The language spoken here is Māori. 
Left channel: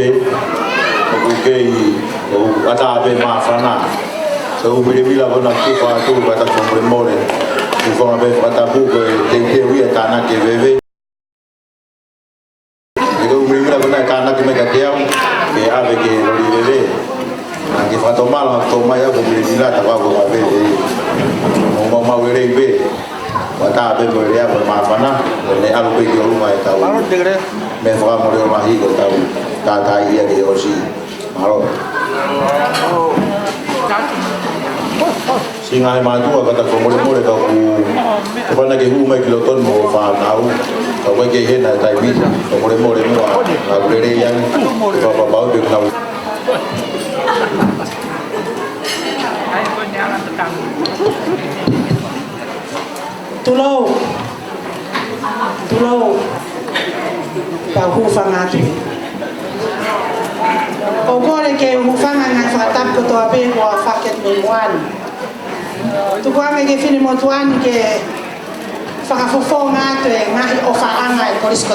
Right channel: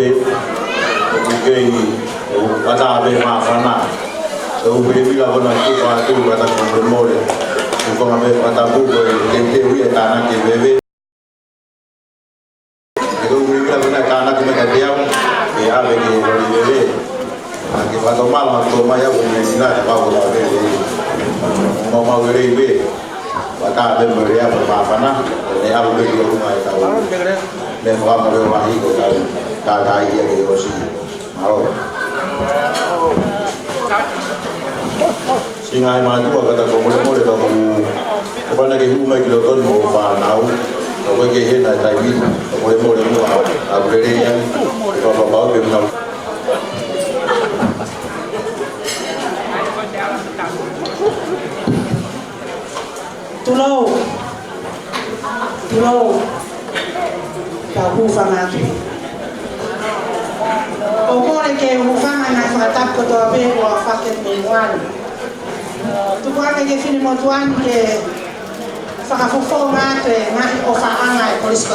be o ke o ata be ma fana so we la bona tu pa tu ba ta con more u fa be ata bu ke wi ta na ke bebe e ko we la bona ta na ke me te au ke ave ke ri bebe a ke fa tomar to ma ya ko me dila ta ba ko be mo ma we be wata be mo ya ma fana ne abu ke yo ma ta me fa mo le ma hi ko ta ia ke yo si malo singa ma tu ka ta ko mo le ka ku pa na ke hu mai lo ton mo fa na u ka ko ke he na tai mi ko mo le mo a re yang ko pa ba be na tulo ka hu fa ma tu o kore ke hu fa na fa tap ko to ape ko fa ke me wan tu kwa me ke fini mo tuani ke fa fo ma tu e ma o fa anga e polis ko